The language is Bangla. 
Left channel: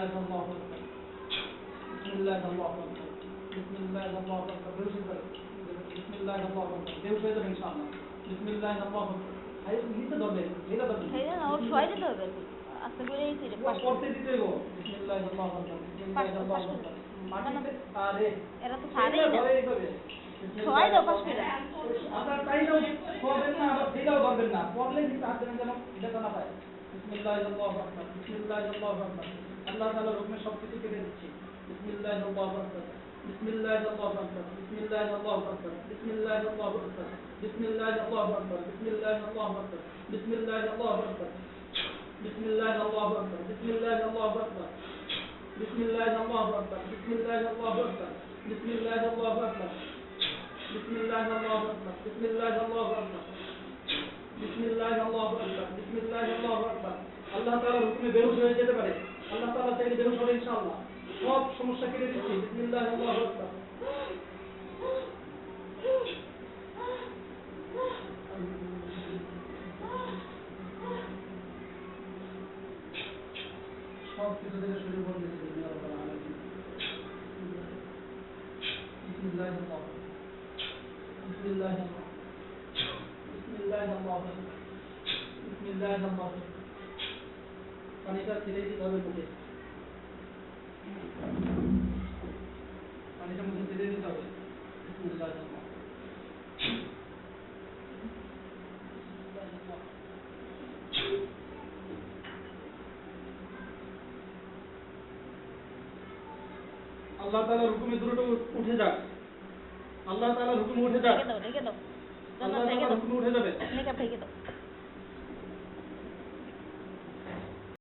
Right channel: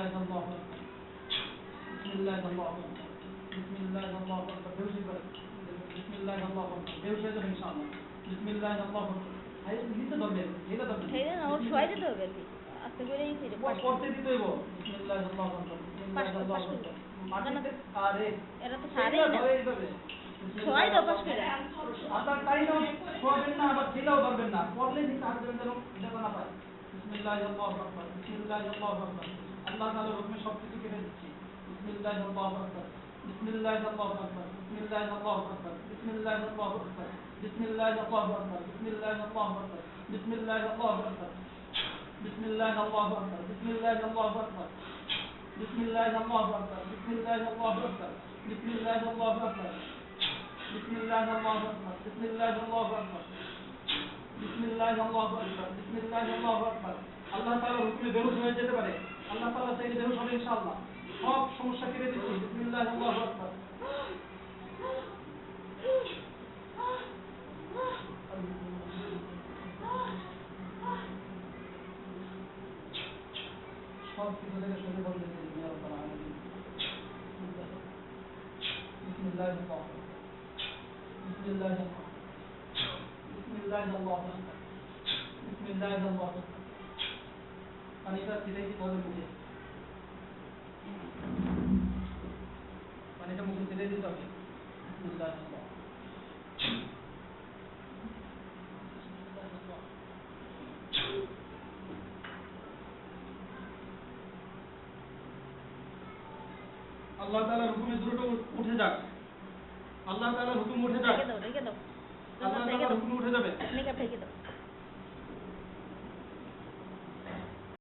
Allahu Akbar. Bismillah Allahu Akbar. Bismillah Allahu Akbar. Bismillah Allahu Akbar. বেহুশ হয়ে যাবেন ইনশাআল্লাহ। Bismillah Allahu Akbar. আরে নিতে ধরবেন, এটা ধরবেন। হ্যাঁ না ওর ছয় দিতে হবে আস্তে করে এই তীরে পাশ করতে দিতে হবে। Bismillah Allahu Akbar. Bismillah Allahu Akbar. মাটিতে আরে এরা তো সারে ধরে যাবে। ছয় দাও পাশ করে আপনার টাইমও করবেন না আবার দিলেও ধরবেন না। পড়লে কিন্তু আসবেন যেন লেখা না পায়। Bismillah Allahu Akbar. Bismillah Allahu Akbar. আল্লাহ তাআলার হুকুমে সবকিছু কেটে দিচ্ছি। Bismillah Allahu Akbar. Bismillah Allahu Akbar. Bismillah Allahu Akbar. Bismillah Allahu Akbar. Bismillah Allahu Akbar. Bismillah Allahu Akbar. Bismillah Allahu Akbar. Bismillah Allahu Akbar. Bismillah Allahu Akbar. Bismillah Allahu Akbar. Bismillah Allahu Akbar. Bismillah Allahu Akbar. Bismillah Allahu Akbar. Bismillah Allahu Akbar. Bismillah Allahu Akbar. Bismillah Allahu Akbar. আল্লাহ তাআলার হুকুমে বেহুশ হয়ে যেতে পারে। আল্লাহ তাআলা চাইলে বেহুশ হবে ইনশাআল্লাহ। সব সমস্যা কেটে দিচ্ছি। বিসমিল্লাহ আল্লাহু আকবার। সব কিছু থেকে শুরু করে দিচ্ছি আল্লাহ তাআলা আলাইহি। বিসমিল্লাহ আল্লাহু আকবার। বিসমিল্লাহ আল্লাহু আকবার। বিসমিল্লাহ আল্লাহু আকবার। বিসমিল্লাহ আল্লাহু আকবার। পানিটা ছেড়ে দিতে হবে মুখে। পানিটা মুখে ছেড়ে দিতে হবে। বিসমিল্লাহ আল্লাহু আকবার। আল্লাহ তাআলার হুকুমে দ্রুত উঠে যাক। আল্লাহ তাআলার হুকুমে উঠে যাক। রেখে দাও আল্লাহ তাআলার হুকুমে উঠে যাবে। মেকআপ রেখে দাও